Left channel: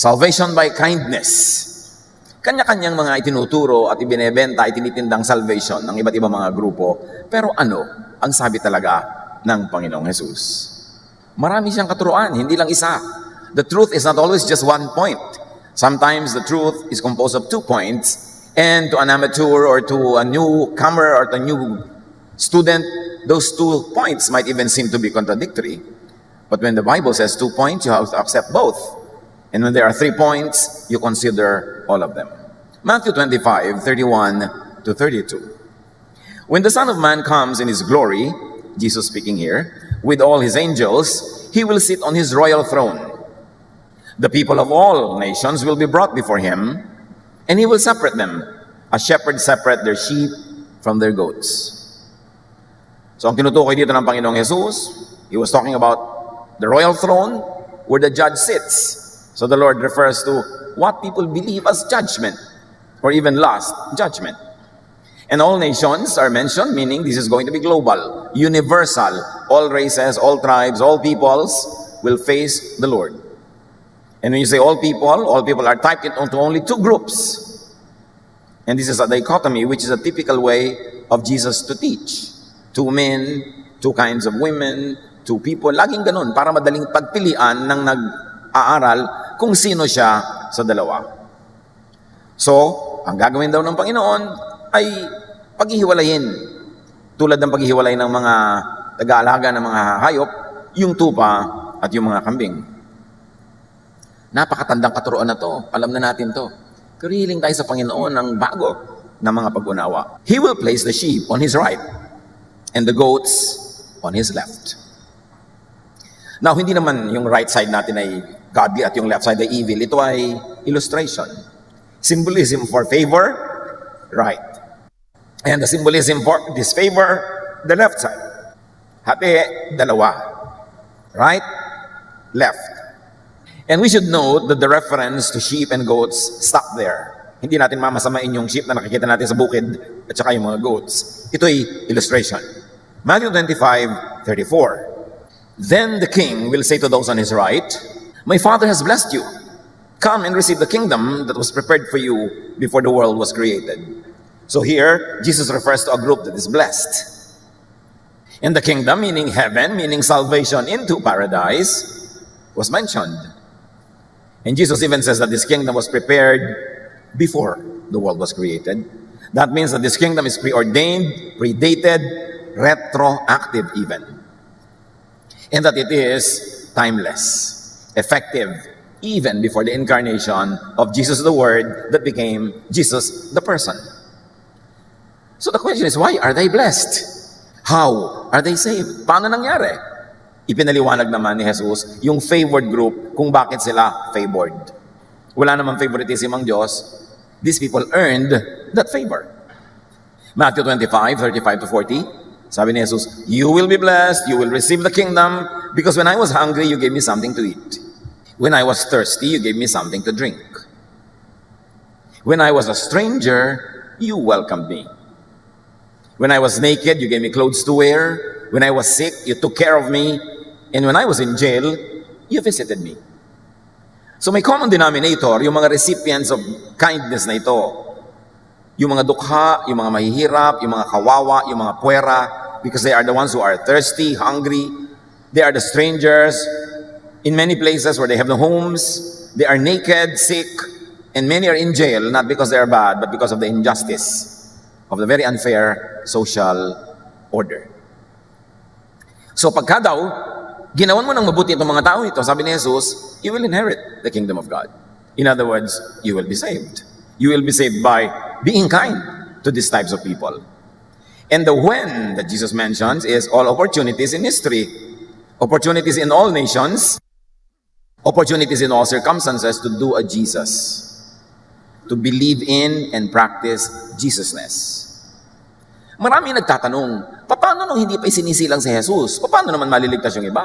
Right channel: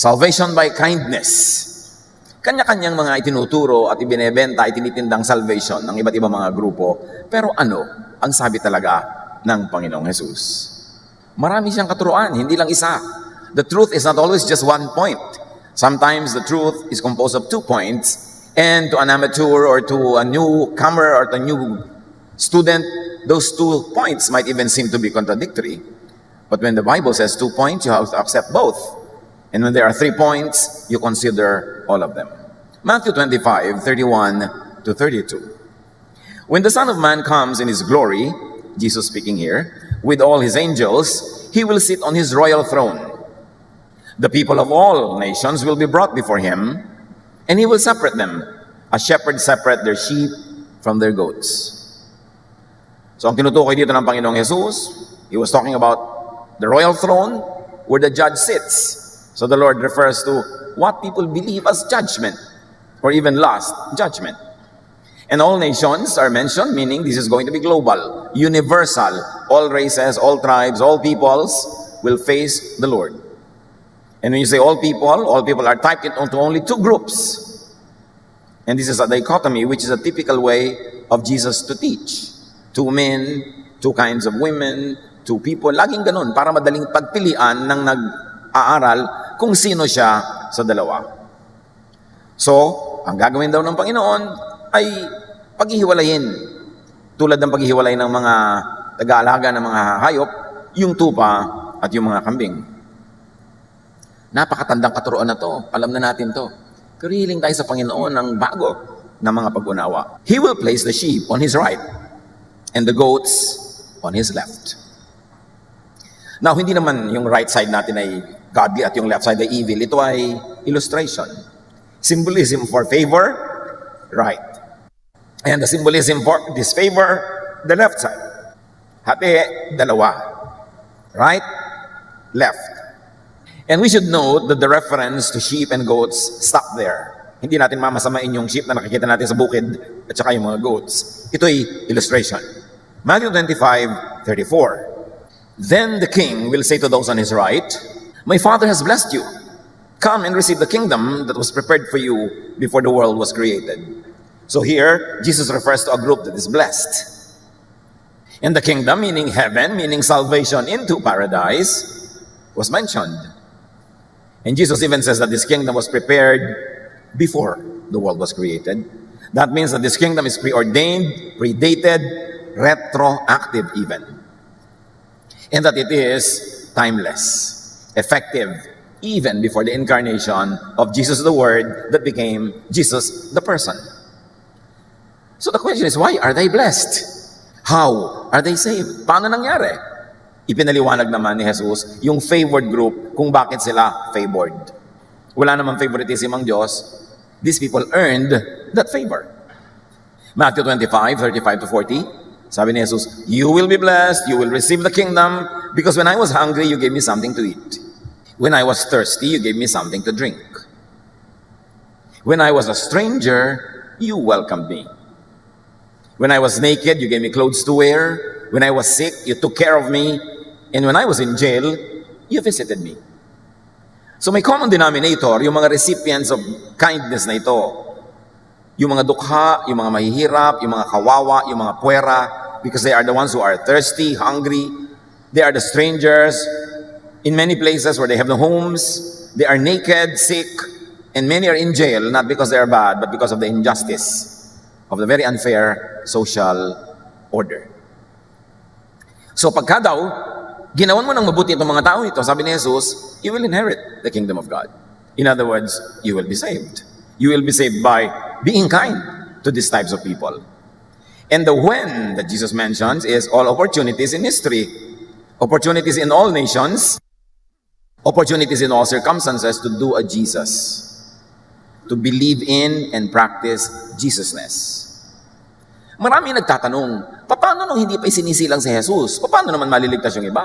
Salvation by kindness. Kanya-kanyang mga itinuturo at ibinebenta, itinitindang salvation ng iba't ibang mga grupo. Pero ano ang sabi talaga ng Panginoong Jesus? Marami siyang katuruan, hindi lang isa. The truth is not always just one point. Sometimes the truth is composed of 2 points. And to an amateur or to a newcomer or to a new student, those 2 points might even seem to be contradictory. But when the Bible says 2 points, you have to accept both. And when there are 3 points, you consider all of them. Matthew 25, 31 to 32. When the Son of Man comes in his glory, Jesus speaking here, with all his angels, he will sit on his royal throne. The people of all nations will be brought before him, and he will separate them, as shepherds separate their sheep from their goats. So ang tinutukoy dito ng Panginoong Jesus, he was talking about the royal throne where the judge sits. So the Lord refers to what people believe as judgment, or even last judgment. And all nations are mentioned, meaning this is going to be global, universal. All races, all tribes, all peoples will face the Lord. And when you say all people are typed into only 2 groups. And this is a dichotomy, which is a typical way of Jesus to teach. 2 men, 2 kinds of women, 2 people. Laging ganun, para madaling pagpilian ng nag-aaral kung sino siya sa dalawa. So, ang gagawin daw ng Panginoon ay paghihiwalayin. Tulad ng paghihiwalay ng mga taga-alaga ng mga hayop, yung tupa at yung mga kambing. Napakatandang katuruan na to. Alam na natin to. Kariling tayo sa Panginoon ng bago na mga pag-unawa. He will place the sheep on his right and the goats on his left. Now, hindi naman yung right side natin ay godly at yung left side ay evil. Ito ay illustration. Symbolism for favor, right. And the symbolism for disfavor, the left side. Hati, dalawa. Right, left. And we should note that the reference to sheep and goats stop there. Hindi natin mamasamain yung sheep na nakikita natin sa bukid at saka yung mga goats. Ito ay illustration. Matthew 25:34. Then the king will say to those on his right, "My Father has blessed you. Come and receive the kingdom that was prepared for you before the world was created." So here, Jesus refers to a group that is blessed. And the kingdom, meaning heaven, meaning salvation into paradise, was mentioned. And Jesus even says that this kingdom was prepared before the world was created. That means that this kingdom is preordained, predated, retroactive even. And that it is timeless, effective, even before the incarnation of Jesus the Word that became Jesus the person. So the question is, why are they blessed? How are they saved? Paano nangyari? Ipinaliwanag naman ni Jesus yung favored group kung bakit sila favored. Wala namang favoritism ang Diyos. These people earned that favor. Matthew 25:35 to 40, sabi ni Jesus, "You will be blessed, you will receive the kingdom, because when I was hungry, you gave me something to eat. When I was thirsty, you gave me something to drink. When I was a stranger, you welcomed me. When I was naked, you gave me clothes to wear. When I was sick, you took care of me. And when I was in jail, you visited me." So may common denominator, yung mga recipients of kindness na ito. Yung mga dukha, yung mga mahihirap, yung mga kawawa, yung mga puwera, because they are the ones who are thirsty, hungry. They are the strangers in many places where they have no homes. They are naked, sick, and many are in jail, not because they are bad, but because of the injustice of the very unfair social order. So pagka daw, ginawan mo ng mabuti itong mga tao ito, sabi ni Jesus, you will inherit the kingdom of God. In other words, you will be saved. You will be saved by being kind to these types of people. And the when that Jesus mentions is all opportunities in history. Opportunities in all nations. Opportunities in all circumstances to do a Jesus. To believe in and practice Jesusness. Marami nagtatanong, paano nung hindi pa isinisilang sa Jesus? Paano naman maliligtas yung iba?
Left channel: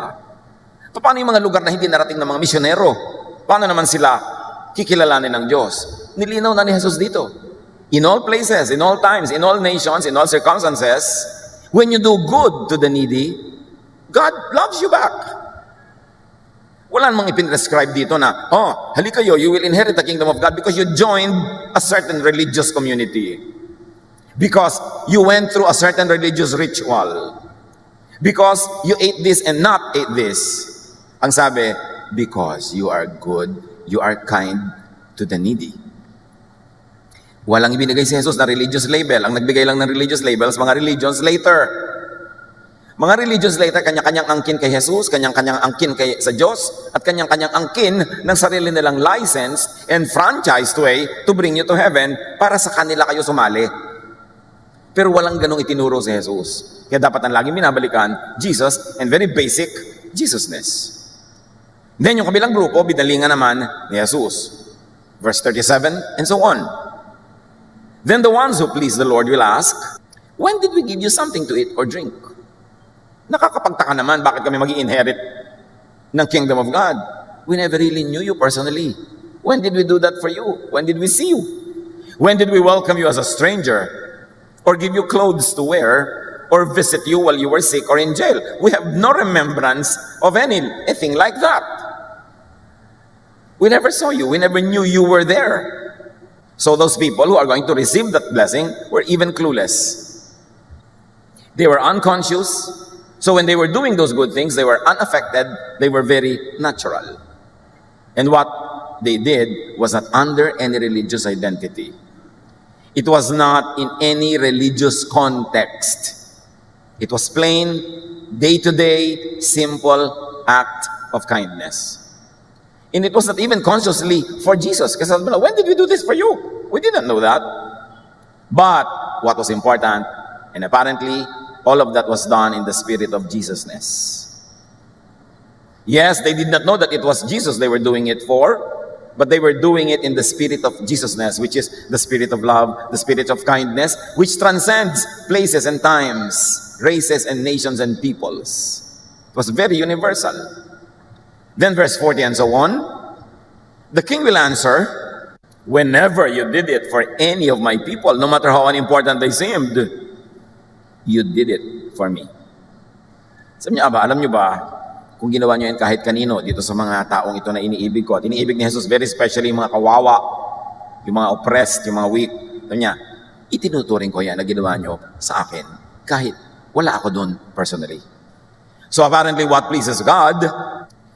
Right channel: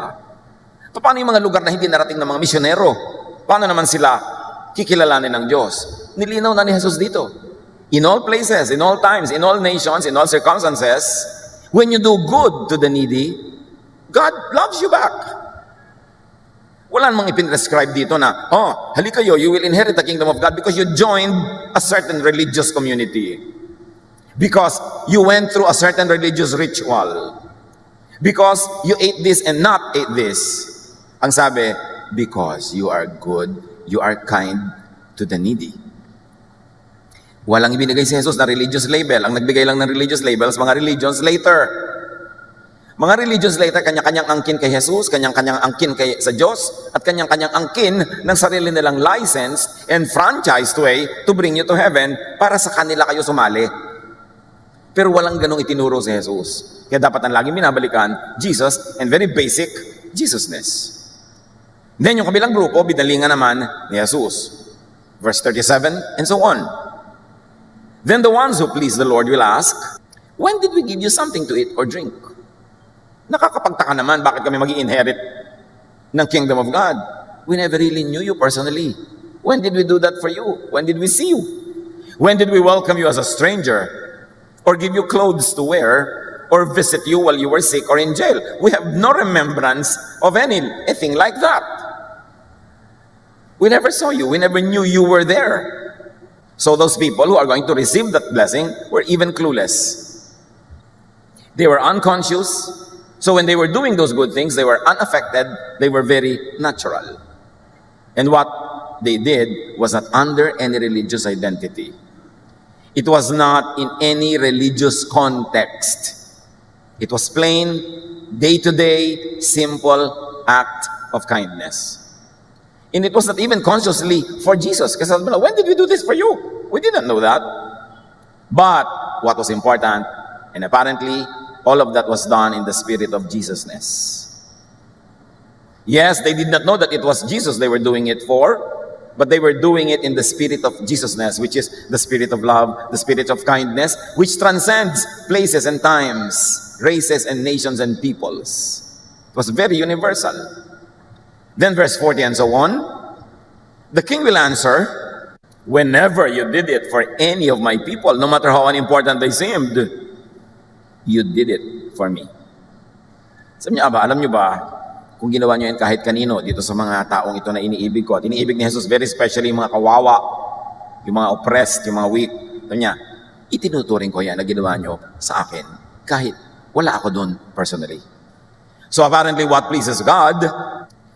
Paano yung mga lugar na hindi narating ng mga misyonero? Paano naman sila kikilalanin ng Diyos? Nilinaw na ni Jesus dito. In all places, in all times, in all nations, in all circumstances, when you do good to the needy, God loves you back. Wala namang ipinrescribe dito na, oh, halika kayo, you will inherit the kingdom of God because you joined a certain religious community. Because you went through a certain religious ritual. Because you ate this and not ate this. Ang sabi, because you are good, you are kind to the needy. Walang ibinigay si Jesus na religious label. Ang nagbigay lang ng religious labels, mga religions later. Mga religious later, kanya-kanyang angkin kay Jesus, kanya-kanyang angkin kay sa Diyos, at kanya-kanyang angkin ng sarili nilang licensed and franchised way to bring you to heaven para sa kanila kayo sumali. Pero walang ganong itinuro si Jesus. Kaya dapat ang laging binabalikan, Jesus, and very basic, Jesusness. Then yung kabilang grupo, binalingan naman ni Jesus. Verse 37, and so on. Then the ones who please the Lord will ask, when did we give you something to eat or drink? Nakakapagtaka naman, bakit kami mag-i-inherit ng kingdom of God? We never really knew you personally. When did we do that for you? When did we see you? When did we welcome you as a stranger? Or give you clothes to wear? Or visit you while you were sick or in jail? We have no remembrance of anything like that. We never saw you. We never knew you were there. So those people who are going to receive that blessing were even clueless. They were unconscious. So when they were doing those good things, they were unaffected. They were very natural. And what they did was not under any religious identity. It was not in any religious context. It was plain, day-to-day, simple act of kindness. And it was not even consciously for Jesus. Kasi when did we do this for you? We didn't know that. But what was important, and apparently, all of that was done in the spirit of Jesusness. Yes, they did not know that it was Jesus they were doing it for, but they were doing it in the spirit of Jesusness, which is the spirit of love, the spirit of kindness, which transcends places and times, races and nations and peoples. It was very universal. Then verse 40 and so on, the king will answer, whenever you did it for any of my people, no matter how unimportant they seemed, you did it for me. Sabi niya ba, alam niyo ba, kung ginawa niyo yan kahit kanino dito sa mga taong ito na iniibig ko, at iniibig ni Jesus very especially yung mga kawawa, yung mga oppressed, yung mga weak. Sabi niya, itinuturing ko yan na ginawa niyo sa akin kahit wala ako doon personally. So apparently what pleases God,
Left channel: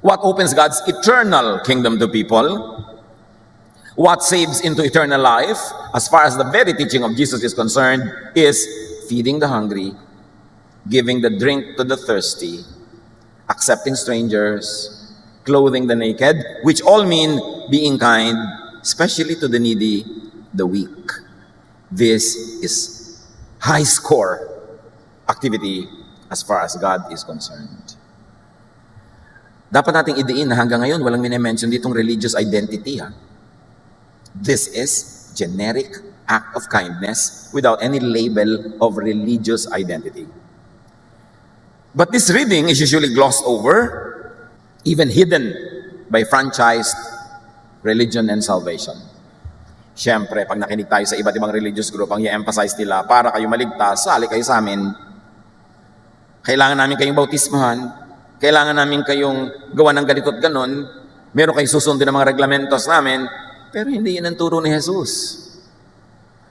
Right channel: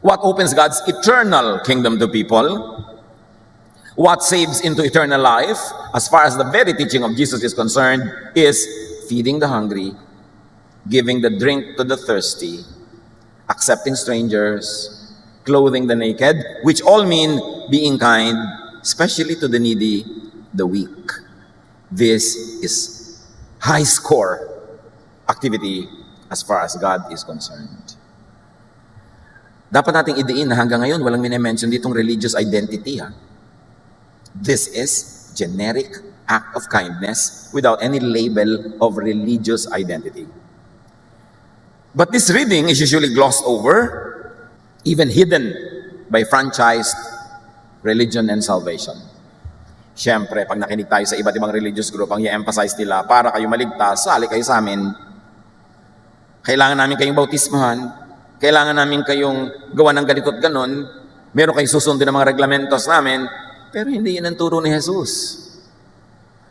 what opens God's eternal kingdom to people, what saves into eternal life, as far as the very teaching of Jesus is concerned, is feeding the hungry, giving the drink to the thirsty, accepting strangers, clothing the naked, which all mean being kind, especially to the needy, the weak. This is high score activity as far as God is concerned. Dapat nating idiin na hanggang ngayon walang minimension ditong religious identity. This is generic act of kindness without any label of religious identity. But this reading is usually glossed over, even hidden by franchised religion and salvation. Siyempre, pag nakinig tayo sa iba't ibang religious group, ang i-emphasize nila, para kayo maligtas, sali kayo sa amin. Kailangan namin kayong bautismahan, kailangan namin kayong gawa ng ganito at ganon, meron kayong susundin ng mga reglamentos namin, pero hindi yun ang turo ni Jesus.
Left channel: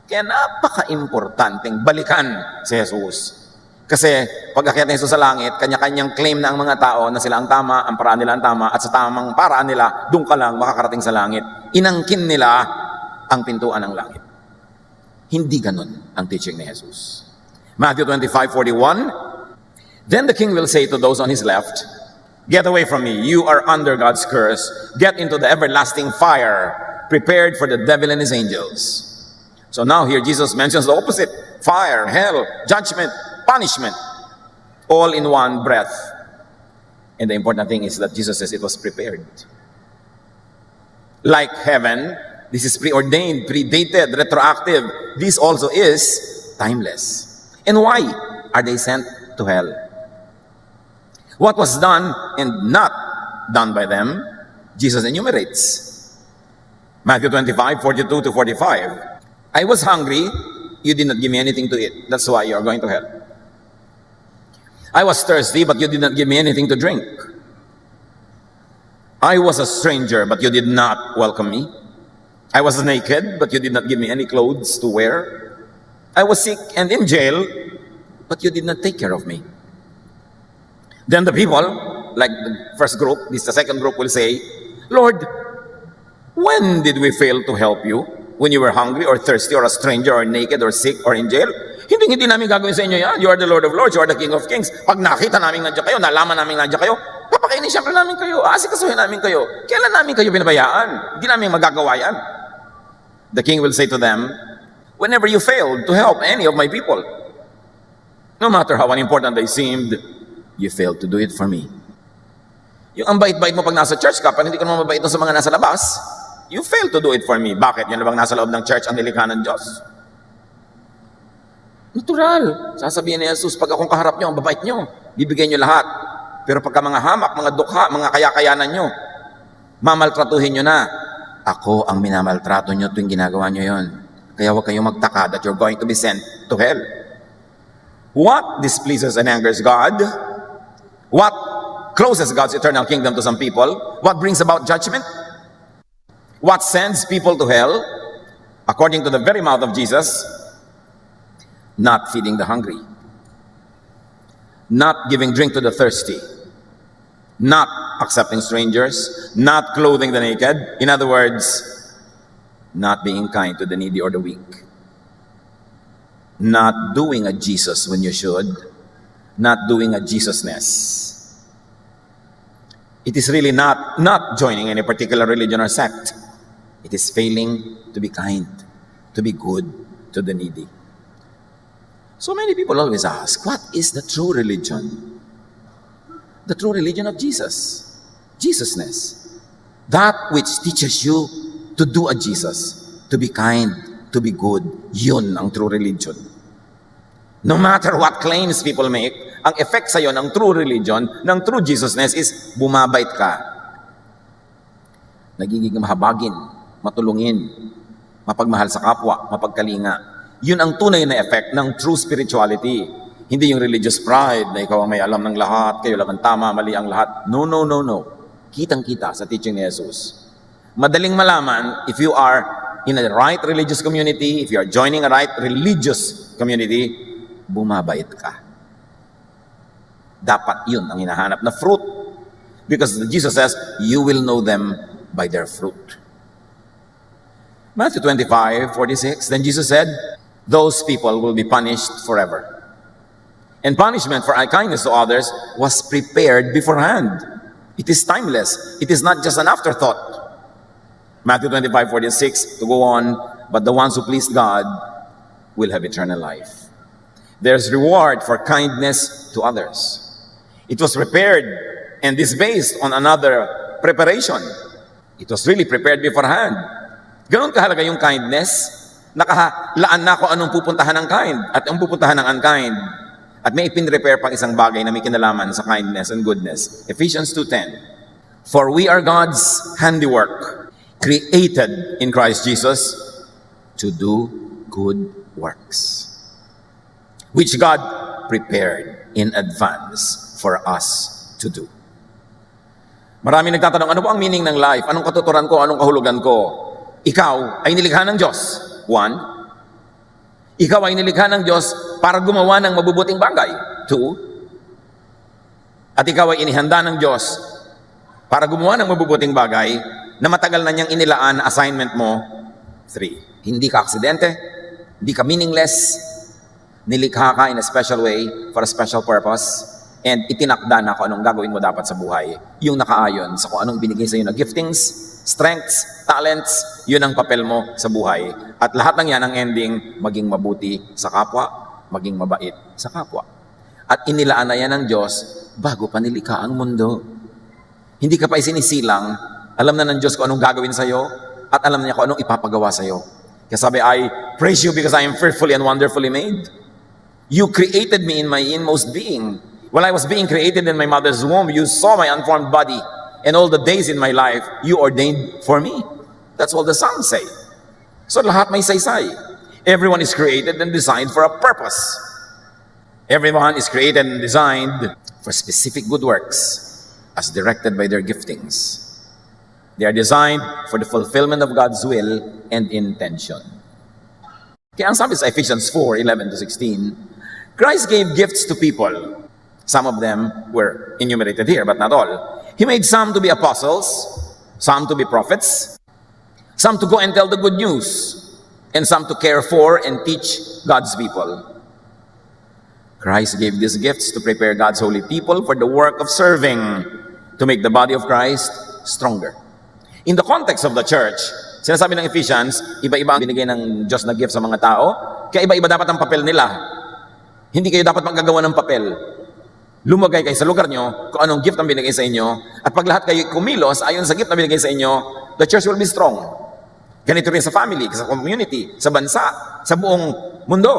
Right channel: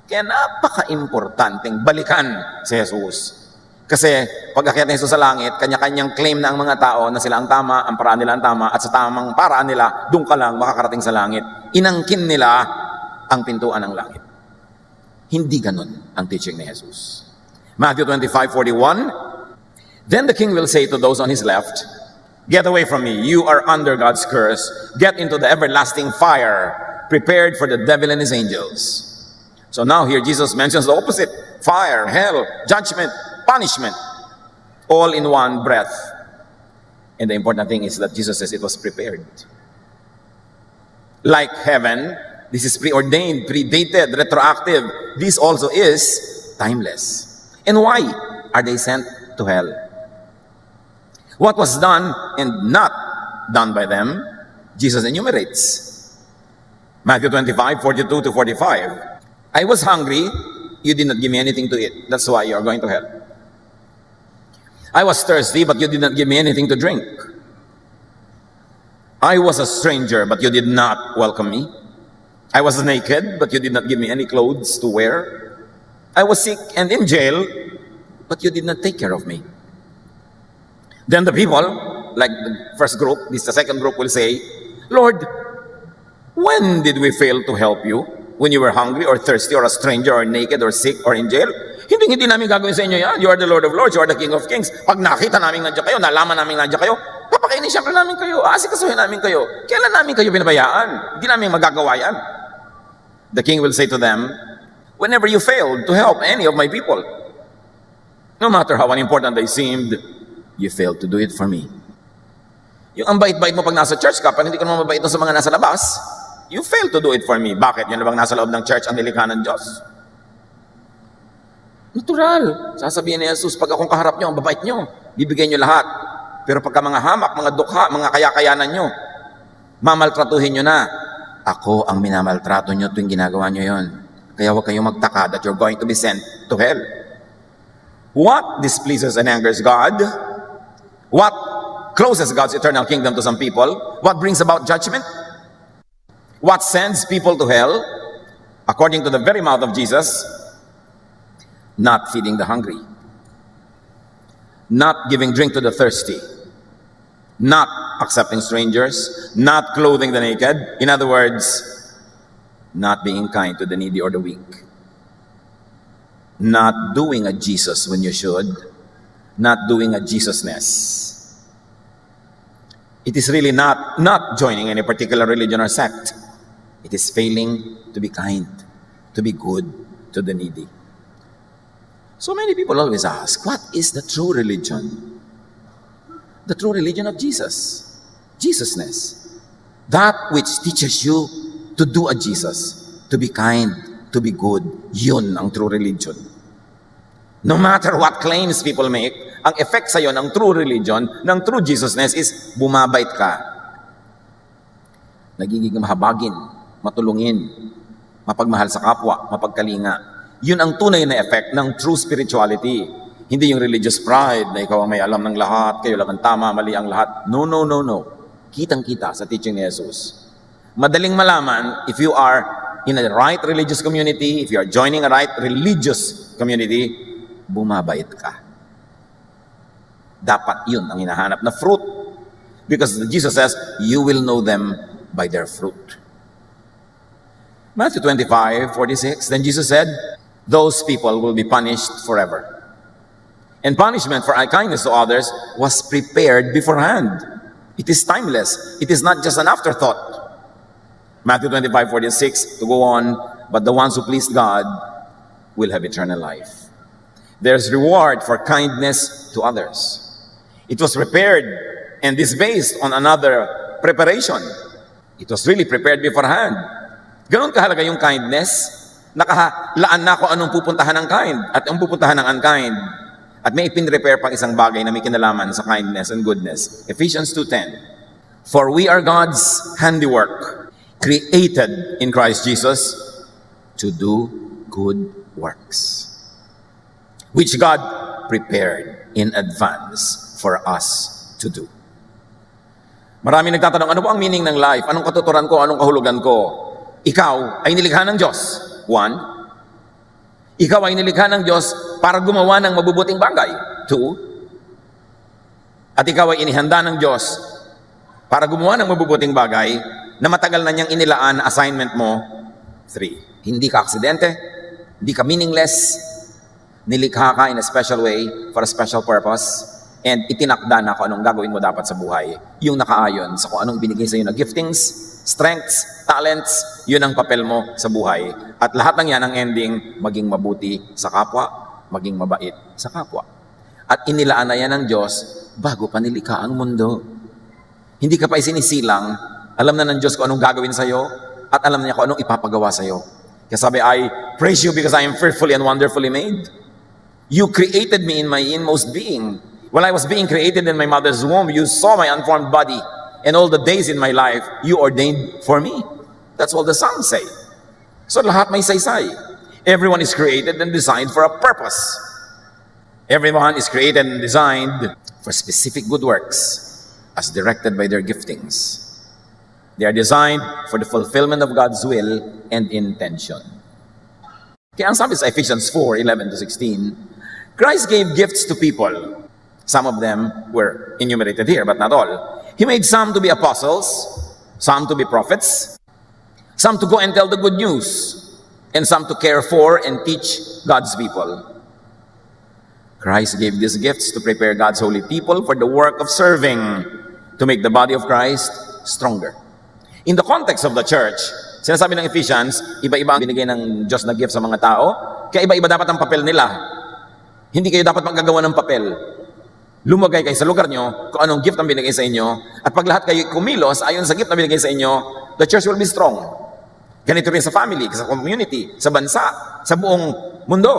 Kaya napaka-importanteng balikan si Jesus. Kasi pag akyat ni Jesus sa langit, kanya-kanyang claim na ang mga tao na sila ang tama, ang paraan nila ang tama, at sa tamang paraan nila, doon ka lang makakarating sa langit. Inangkin nila ang pintuan ng langit. Hindi naman ang teaching ni Jesus. Matthew 25:41, then the king will say to those on his left, get away from me, you are under God's curse. Get into the everlasting fire, prepared for the devil and his angels. So now here Jesus mentions the opposite. Fire, hell, judgment, punishment, all in one breath. And the important thing is that Jesus says it was prepared. Like heaven, this is preordained, predated, retroactive. This also is timeless. And why are they sent to hell? What was done and not done by them, Jesus enumerates. Matthew 25:42-45. I was hungry, you did not give me anything to eat. That's why you are going to hell. I was thirsty, but you did not give me anything to drink. I was a stranger, but you did not welcome me. I was naked, but you did not give me any clothes to wear. I was sick and in jail, but you did not take care of me. Then the people, like the first group, the second group will say, Lord, when did we fail to help you? When you were hungry or thirsty or a stranger or naked or sick or in jail? Hindi namin gagawin sa inyo yan. You are the Lord of Lords, you are the King of Kings. Pag nakita namin nandiyan kayo, nalaman namin nandiyan kayo, papakainin siyempre namin kayo, aasikasuhin namin kayo. Kailan namin kayo pinabayaan? Hindi namin magagawa yan. The king will say to them, whenever you failed to help any of my people, no matter how unimportant they seemed, you failed to do it for me. Yung ang bait-bait mo pag nasa church ka, pag hindi ka naman mabait sa mga nasa labas, you failed to do it for me. Bakit? Yan na bang nasa loob ng church ang nilikha ng Diyos? Natural. Sasabihin ni Jesus, pag akong kaharap nyo, ang babait nyo, bibigyan nyo lahat. Pero pagka mga hamak, mga dukha, mga kaya-kayanan nyo, mamaltratuhin nyo na. Ako ang minamaltrato nyo tuwing ginagawa nyo yon. Kaya huwag kayong magtaka that you're going to be sent to hell. What displeases and angers God? What closes God's eternal kingdom to some people? What brings about judgment? What sends people to hell? According to the very mouth of Jesus, not feeding the hungry, not giving drink to the thirsty, not accepting strangers, not clothing the naked. In other words, not being kind to the needy or the weak, not doing a Jesus when you should, not doing a Jesusness. It is really not joining any particular religion or sect. It is failing to be kind, to be good to the needy. So many people always ask, what is the true religion? The true religion of Jesus. Jesusness. That which teaches you to do a Jesus, to be kind, to be good. Yun ang true religion. No matter what claims people make, ang effect sa'yo ng true religion, ng true Jesusness is bumabait ka. Nagiging mahabagin, matulungin, mapagmahal sa kapwa, mapagkalinga. Yun ang tunay na effect ng true spirituality. Hindi yung religious pride na ikaw ang may alam ng lahat, kayo lang ang tama, mali ang lahat. No. Kitang-kita sa teaching ni Jesus. Madaling malaman if you are in a right religious community, if you are joining a right religious community, bumabait ka. Dapat yun ang hinahanap na fruit. Because Jesus says, you will know them by their fruit. Matthew 25:46, then Jesus said, those people will be punished forever. And punishment for kindness to others was prepared beforehand. It is timeless. It is not just an afterthought. Matthew 25:46, to go on, but the ones who please God will have eternal life. There's reward for kindness to others. It was prepared, and this based on another preparation. It was really prepared beforehand. Ganon kahalaga yung kindness. Nakalaan na ako anong pupuntahan ng kind at ang pupuntahan ng unkind. At may ipin-prepare pang isang bagay na may kinalaman sa kindness and goodness. Ephesians 2:10. For we are God's handiwork, created in Christ Jesus to do good works, which God prepared in advance for us to do. Marami nagtatanong, ano po ang meaning ng life? Anong katuturan ko? Anong kahulugan ko? Ikaw ay nilikha ng Diyos. One, ikaw ay nilikha ng Diyos para gumawa ng mabubuting bagay. Two, at ikaw ay inihanda ng Diyos para gumawa ng mabubuting bagay na matagal na niyang inilaan assignment mo. Three, hindi ka aksidente, hindi ka meaningless, nilikha ka in a special way for a special purpose, and itinakda na kung anong gagawin mo dapat sa buhay. Yung nakaayon sa kung anong binigay sa iyo na giftings, strengths, talents, yun ang papel mo sa buhay. At lahat ng yan ang ending, maging mabuti sa kapwa, maging mabait sa kapwa. At inilaan na yan ng Diyos bago pa nilikha ang mundo. Hindi ka pa isinisilang, alam na ng Diyos kung anong gagawin sa'yo, at alam niya kung anong ipapagawa sa'yo. Kaya sabi, I praise you because I am fearfully and wonderfully made. You created me in my inmost being. While I was being created in my mother's womb, you saw my unformed body, and all the days in my life, you ordained for me. That's all the Psalms say. So lahat may saysay. Everyone is created and designed for a purpose. Everyone is created and designed for specific good works as directed by their giftings. They are designed for the fulfillment of God's will and intention. Kaya sabi sa Ephesians 4:11-16, Christ gave gifts to people. Some of them were enumerated here, but not all. He made some to be apostles, some to be prophets, some to go and tell the good news, and some to care for and teach God's people. Christ gave these gifts to prepare God's holy people for the work of serving, to make the body of Christ stronger. In the context of the church, sinasabi ng Ephesians, iba-iba ang binigay ng Diyos na gift sa mga tao, kaya iba-iba dapat ang papel nila. Hindi kayo dapat maggagawa ng papel. Lumagay kayo sa lugar nyo kung anong gift ang binigay sa inyo, at pag lahat kayo kumilos ayon sa gift na binigay sa inyo, the church will be strong. Ganito rin sa family, sa community, sa bansa, sa buong mundo.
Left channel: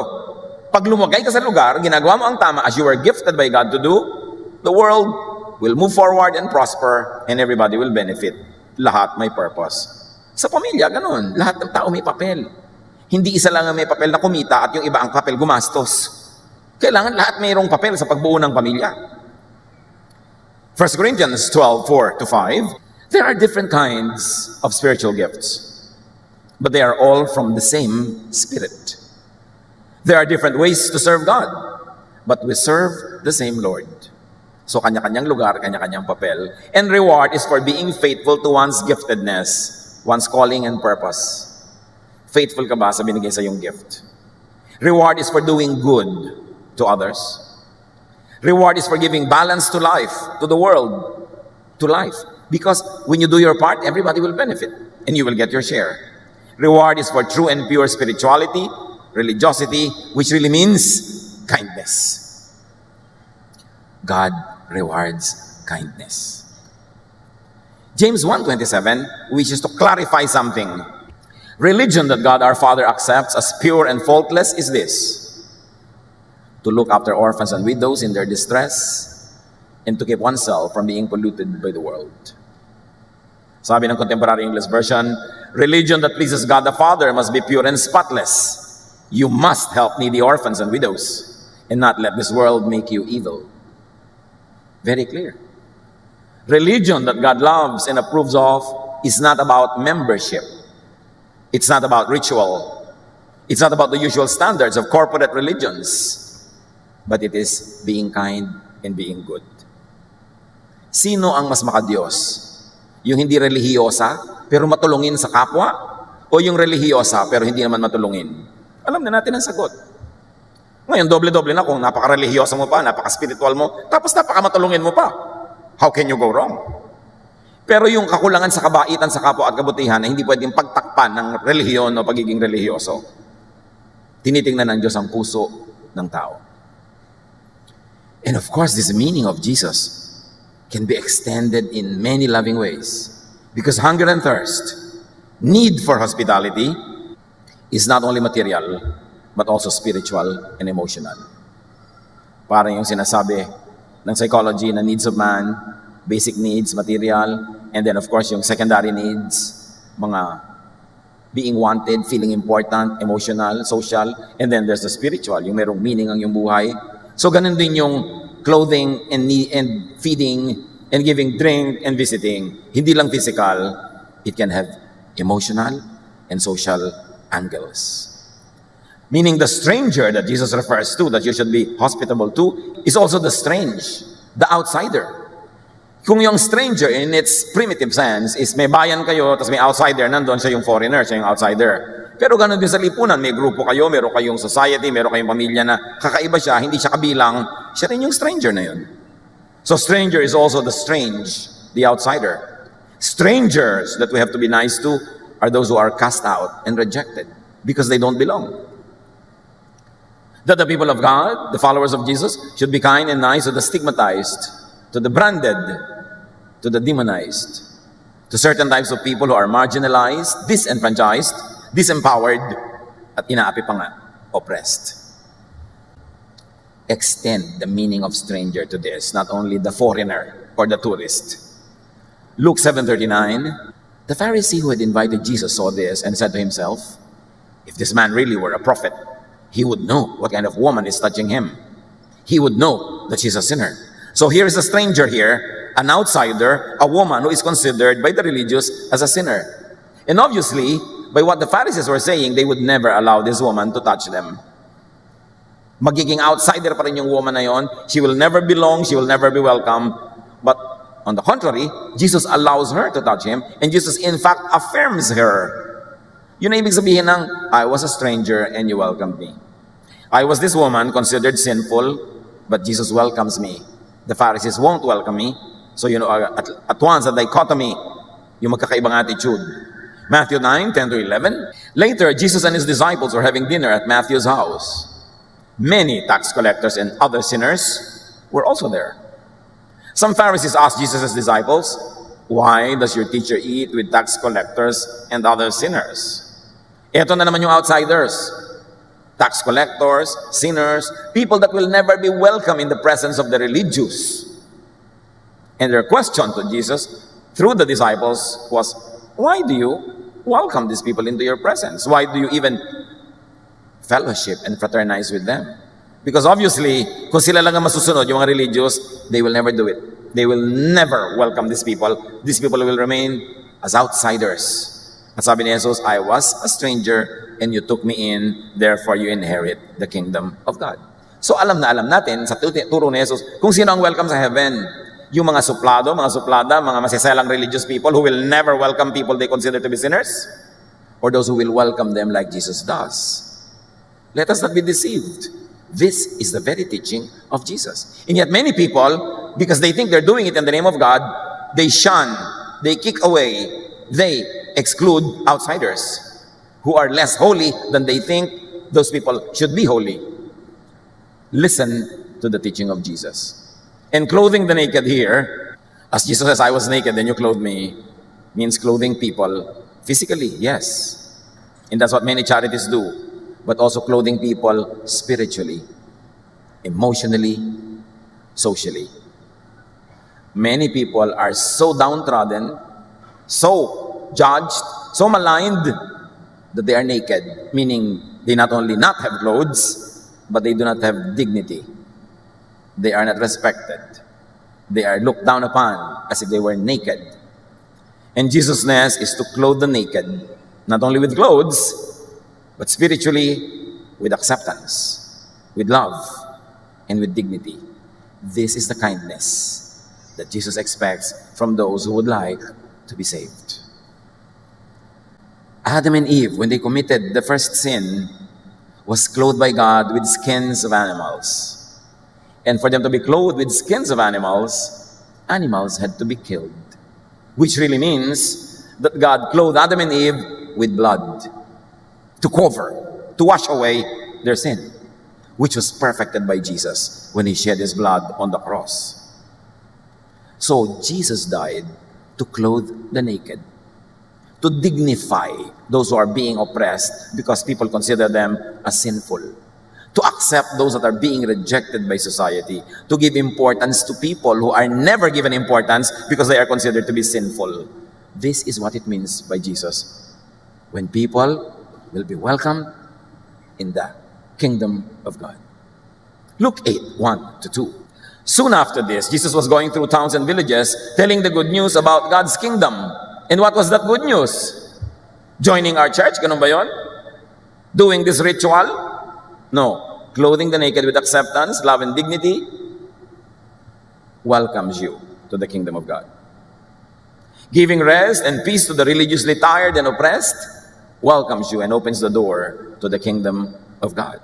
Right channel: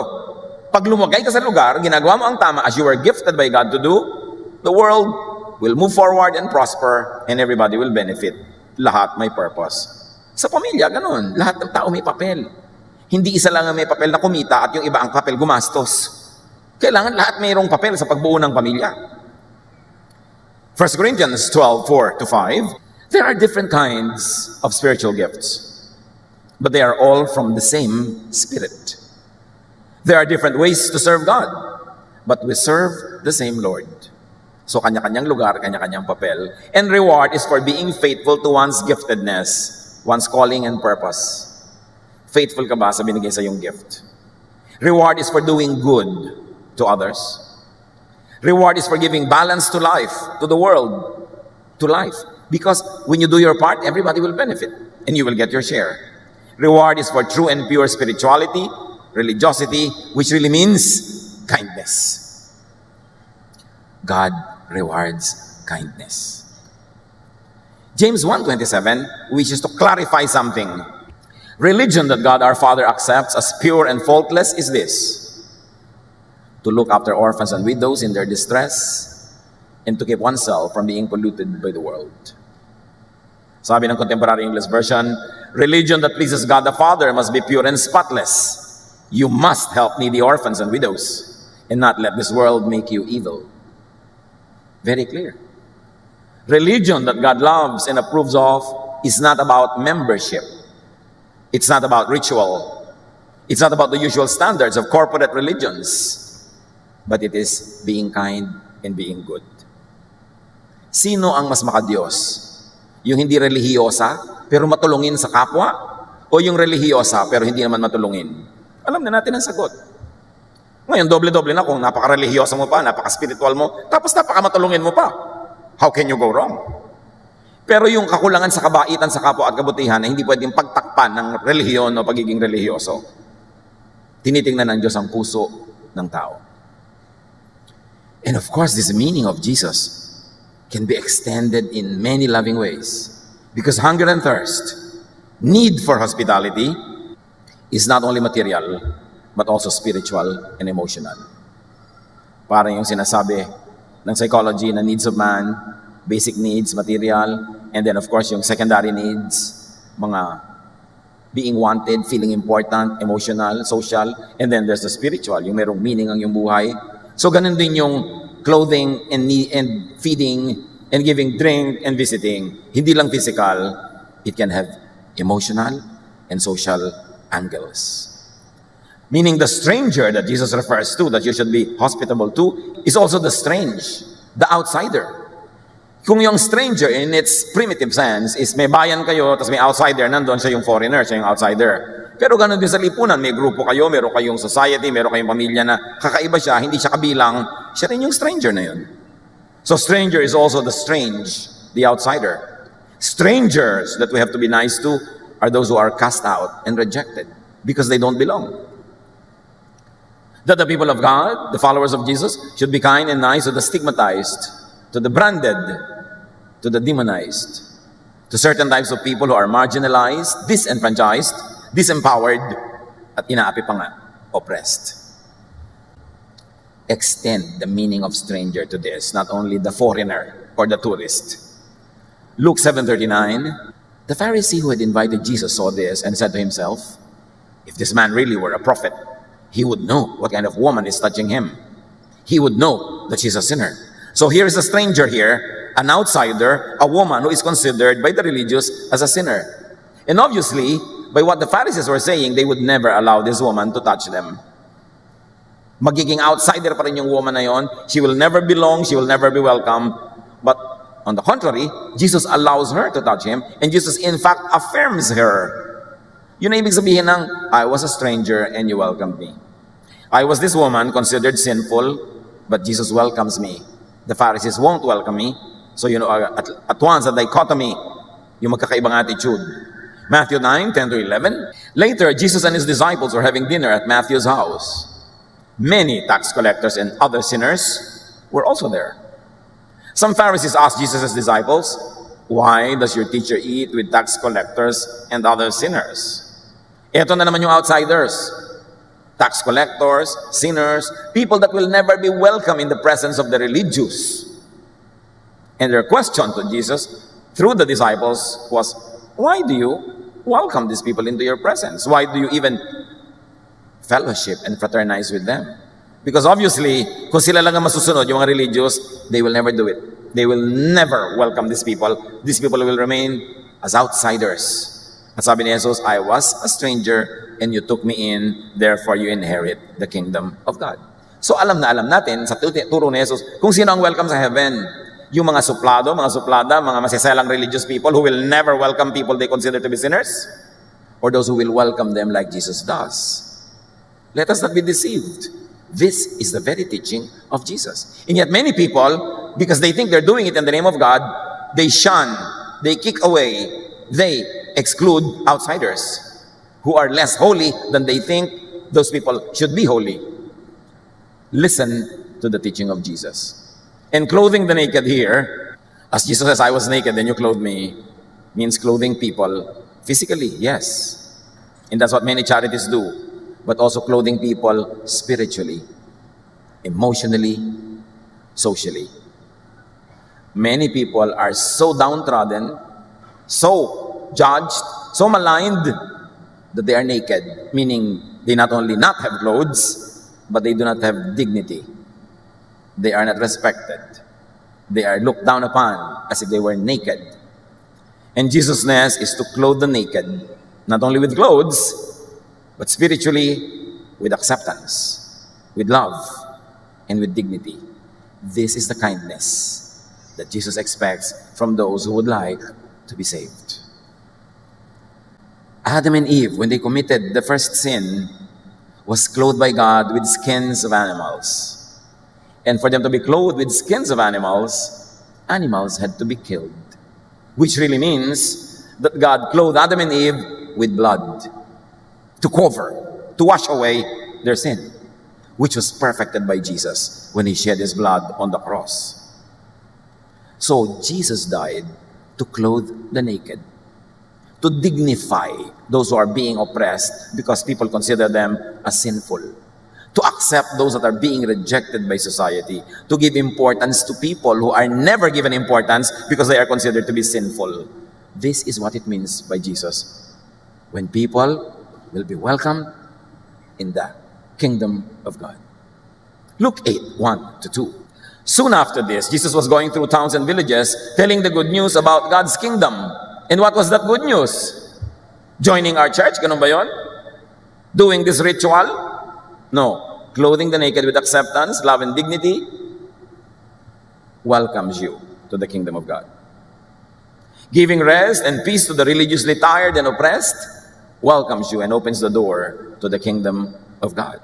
Pag lumagay ka sa lugar, ginagawa mo ang tama as you were gifted by God to do, the world will move forward and prosper, and everybody will benefit. Lahat may purpose. Sa pamilya, ano? Lahat ng tao may papel. Hindi isa lang ang may papel na kumita at yung iba ang papel gumastos. Kailangan lahat mayroong papel sa pagbuo ng pamilya. 1 Corinthians 12:4-5, there are different kinds of spiritual gifts, but they are all from the same Spirit. There are different ways to serve God, but we serve the same Lord. So kanya-kanyang lugar, kanya-kanyang papel. And reward is for being faithful to one's giftedness, one's calling and purpose. Faithful ka ba sa binigay sa iyong gift? Reward is for doing good to others. Reward is for giving balance to life, to the world, to life. Because when you do your part, everybody will benefit and you will get your share. Reward is for true and pure spirituality, religiosity, which really means kindness. God rewards kindness. James 1:27 wishes to clarify something. Religion that God our Father accepts as pure and faultless is this: to look after orphans and widows in their distress, and to keep oneself from being polluted by the world. Sabi ng Contemporary English Version, religion that pleases God the Father must be pure and spotless. You must help needy orphans and widows, and not let this world make you evil. Very clear. Religion that God loves and approves of is not about membership. It's not about ritual. It's not about the usual standards of corporate religions. But it is being kind and being good. Sino ang mas makadiyos? Yung hindi relihiyosa pero matulungin sa kapwa? O yung relihiyosa pero hindi naman matulungin? Alam na natin ang sagot. Ngayon, doble-doble na kung napaka-relihiyosa mo pa, napaka-spiritual mo, tapos napaka-matulungin mo pa. How can you go wrong? Pero yung kakulangan sa kabaitan sa kapwa at kabutihan ay hindi pwedeng pagtakpan ng relihiyon o pagiging relihiyoso. Tinitingnan ng Diyos ang puso ng tao. And of course, this meaning of Jesus can be extended in many loving ways. Because hunger and thirst, need for hospitality, is not only material, but also spiritual and emotional. Parang yung sinasabi ng psychology na needs of man, basic needs, material, and then of course yung secondary needs, mga being wanted, feeling important, emotional, social, and then there's the spiritual, yung merong meaning ang yung buhay. So ganun din yung clothing and feeding and giving drink and visiting. Hindi lang physical, it can have emotional and social angles. Meaning the stranger that Jesus refers to, that you should be hospitable to, is also the strange, the outsider. Kung yung stranger in its primitive sense is may bayan kayo, tapos may outsider, nandun sa yung foreigner, sa yung outsider. Pero ganun din sa lipunan, may grupo kayo, meron kayong society, meron kayong pamilya na kakaiba siya, hindi siya kabilang, siya rin yung stranger na yun. So stranger is also the strange, the outsider. Strangers that we have to be nice to are those who are cast out and rejected because they don't belong. That the people of God, the followers of Jesus, should be kind and nice to the stigmatized, to the branded, to the demonized, to certain types of people who are marginalized, disenfranchised, disempowered, at inaapi pa nga, oppressed. Extend the meaning of stranger to this, not only the foreigner or the tourist. Luke 7:39, the Pharisee who had invited Jesus saw this and said to himself, if this man really were a prophet, he would know what kind of woman is touching him. He would know that she's a sinner. So here is a stranger here An outsider, a woman who is considered by the religious as a sinner. And obviously, by what the Pharisees were saying, they would never allow this woman to touch them. Magiging outsider pa rin yung woman na yon. She will never belong, she will never be welcome. But on the contrary, Jesus allows her to touch him, and Jesus in fact affirms her. Yun ang ibig sabihin ng, I was a stranger and you welcomed me. I was this woman considered sinful, but Jesus welcomes me. The Pharisees won't welcome me. So, at once, a dichotomy, yung magkakaibang attitude. Matthew 9, 10 to 11. Later, Jesus and his disciples were having dinner at Matthew's house. Many tax collectors and other sinners were also there. Some Pharisees asked Jesus' disciples, why does your teacher eat with tax collectors and other sinners? Ito na naman yung outsiders. Tax collectors, sinners, people that will never be welcome in the presence of the religious. And their question to Jesus through the disciples was, why do you welcome these people into your presence? Why do you even fellowship and fraternize with them? Because obviously, kung sila lang ang masusunod, yung mga religious, they will never do it. They will never welcome these people. These people will remain as outsiders. At sabi ni Jesus, I was a stranger and you took me in, therefore you inherit the kingdom of God. So alam natin sa turo ni Jesus kung sino ang welcome sa heaven. Yung mga suplado, mga suplada, mga masasalang religious people who will never welcome people they consider to be sinners, or those who will welcome them like Jesus does. Let us not be deceived. This is the very teaching of Jesus. And yet many people, because they think they're doing it in the name of God, they shun, they kick away, they exclude outsiders who are less holy than they think those people should be holy. Listen to the teaching of Jesus. In clothing the naked here, as Jesus says, I was naked, then you clothed me, means clothing people physically, yes. And that's what many charities do. But also clothing people spiritually, emotionally, socially. Many people are so downtrodden, so judged, so maligned, that they are naked, meaning they not only not have clothes, but they do not have dignity. They are not respected. They are looked down upon as if they were naked. And Jesus' says is to clothe the naked, not only with clothes, but spiritually with acceptance, with love, and with dignity. This is the kindness that Jesus expects from those who would like to be saved. Adam and Eve, when they committed the first sin, was clothed by God with skins of animals. And for them to be clothed with skins of animals, animals had to be killed. Which really means that God clothed Adam and Eve with blood to cover, to wash away their sin, which was perfected by Jesus when he shed his blood on the cross. So Jesus died to clothe the naked, to dignify those who are being oppressed because people consider them as sinful, to accept those that are being rejected by society, to give importance to people who are never given importance because they are considered to be sinful. This is what it means by Jesus. When people will be welcomed in the kingdom of God. Luke 8, 1 to 2. Soon after this, Jesus was going through towns and villages, telling the good news about God's kingdom. And what was that good news? Joining our church, ganun ba yun? Doing this ritual? No. Clothing the naked with acceptance, love, and dignity welcomes you to the kingdom of God. Giving rest and peace to the religiously tired and oppressed welcomes you and opens the door to the kingdom of God.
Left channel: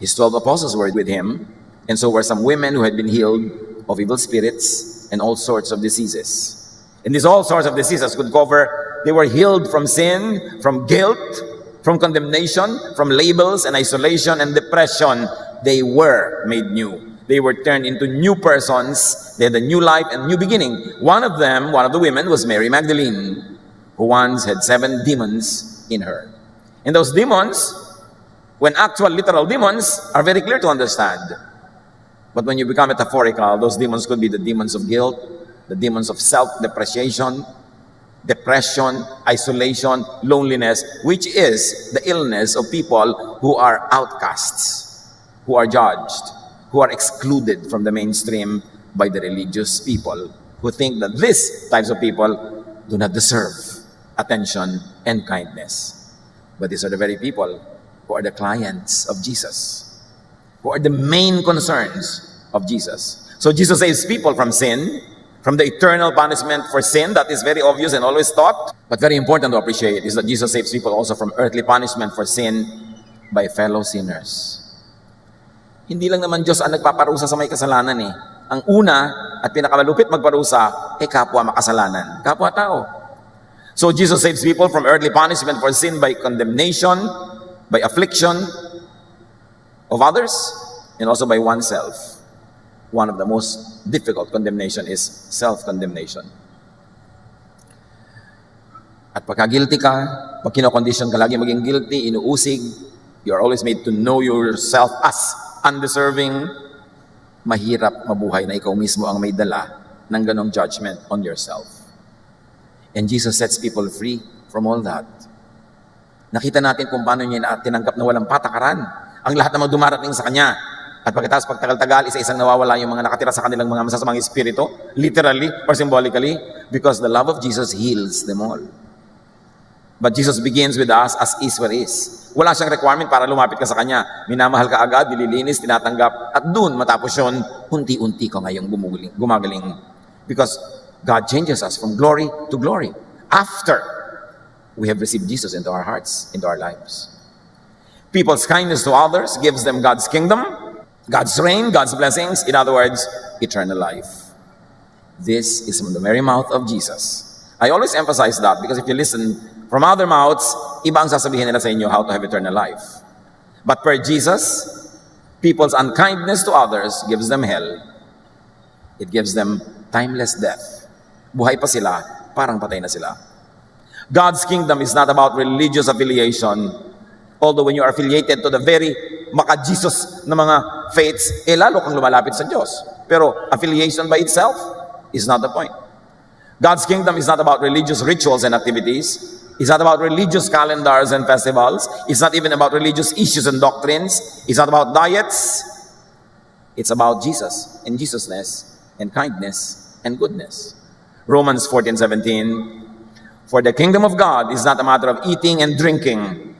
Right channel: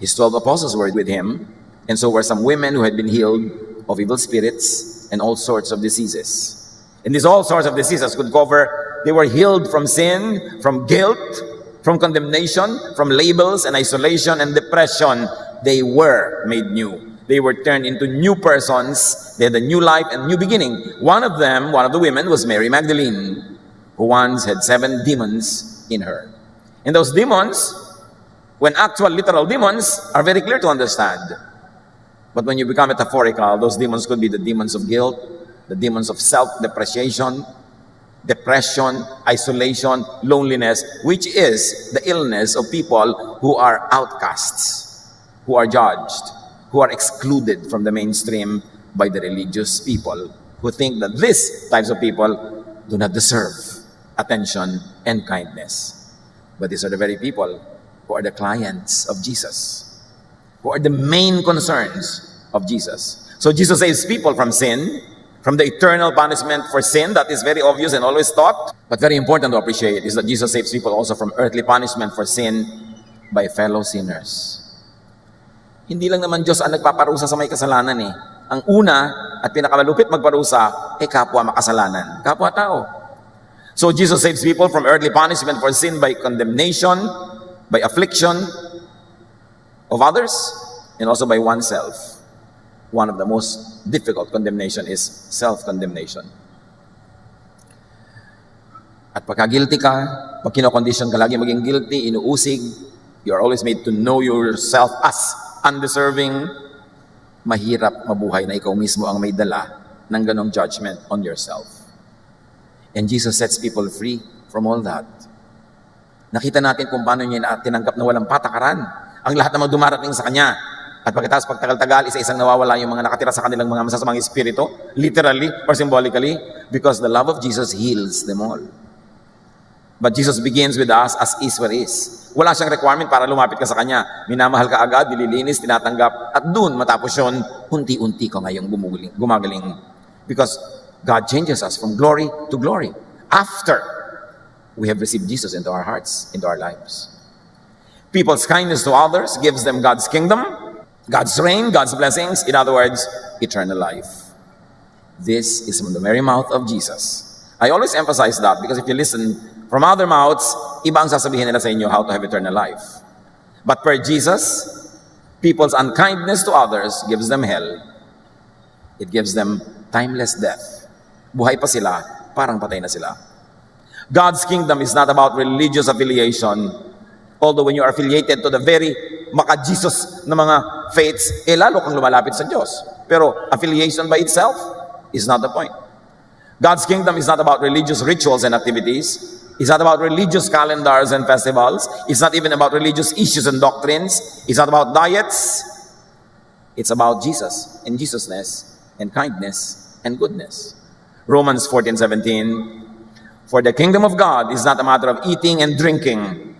His 12 apostles were with him, and so were some women who had been healed of evil spirits and all sorts of diseases. And these all sorts of diseases could cover, they were healed from sin, from guilt, from condemnation, from labels and isolation and depression. They were made new. They were turned into new persons. They had a new life and new beginning. One of the women was Mary Magdalene, who once had 7 demons in her. And those demons, when actual literal demons, are very clear to understand. But when you become metaphorical, those demons could be the demons of guilt, the demons of self-depreciation, depression, isolation, loneliness, which is the illness of people who are outcasts, who are judged, who are excluded from the mainstream by the religious people who think that these types of people do not deserve attention and kindness. But these are the very people who are the clients of Jesus, who are the main concerns of Jesus. So Jesus saves people from sin, from the eternal punishment for sin that is very obvious and always taught. But very important to appreciate is that Jesus saves people also from earthly punishment for sin by fellow sinners. Hindi lang naman Diyos ang nagpaparusa sa may kasalanan eh. Ang una at pinakamalupit magparusa kapwa makasalanan, kapwa tao. So Jesus saves people from earthly punishment for sin by condemnation, by affliction of others, and also by oneself. One of the most difficult condemnation is self-condemnation. At pagka guilty ka, pag kinokondition ka lagi maging guilty, inuusig, you are always made to know yourself as undeserving, mahirap mabuhay na ikaw mismo ang may dala ng ganong judgment on yourself. And Jesus sets people free from all that. Nakita natin kung paano niya tinanggap na walang patakaran ang lahat ng mga dumarating sa Kanya. At pagkatapos pagtagal-tagal, isa-isang nawawala yung mga nakatira sa kanilang mga masasamang espiritu, literally or symbolically, because the love of Jesus heals them all. But Jesus begins with us as is where is. Wala siyang requirement para lumapit ka sa Kanya. Minamahal ka agad, nililinis, tinatanggap, at dun matapos yun, unti-unti ka ngayong gumagaling. Because God changes us from glory to glory after we have received Jesus into our hearts, into our lives. People's kindness to others gives them God's kingdom, God's reign, God's blessings, in other words, eternal life. This is from the very mouth of Jesus. I always emphasize that because if you listen from other mouths, iba ang sasabihin nila sa inyo how to have eternal life. But per Jesus, people's unkindness to others gives them hell. It gives them timeless death. Buhay pa sila, parang patay na sila. God's kingdom is not about religious affiliation. Although when you are affiliated to the very maka-Jesus na mga faiths, lalo kang lumalapit sa Diyos. Pero affiliation by itself is not the point. God's kingdom is not about religious rituals and activities. It's not about religious calendars and festivals. It's not even about religious issues and doctrines. It's not about diets. It's about Jesus and Jesusness and kindness and goodness. Romans 14:17, for the kingdom of God is not a matter of eating and drinking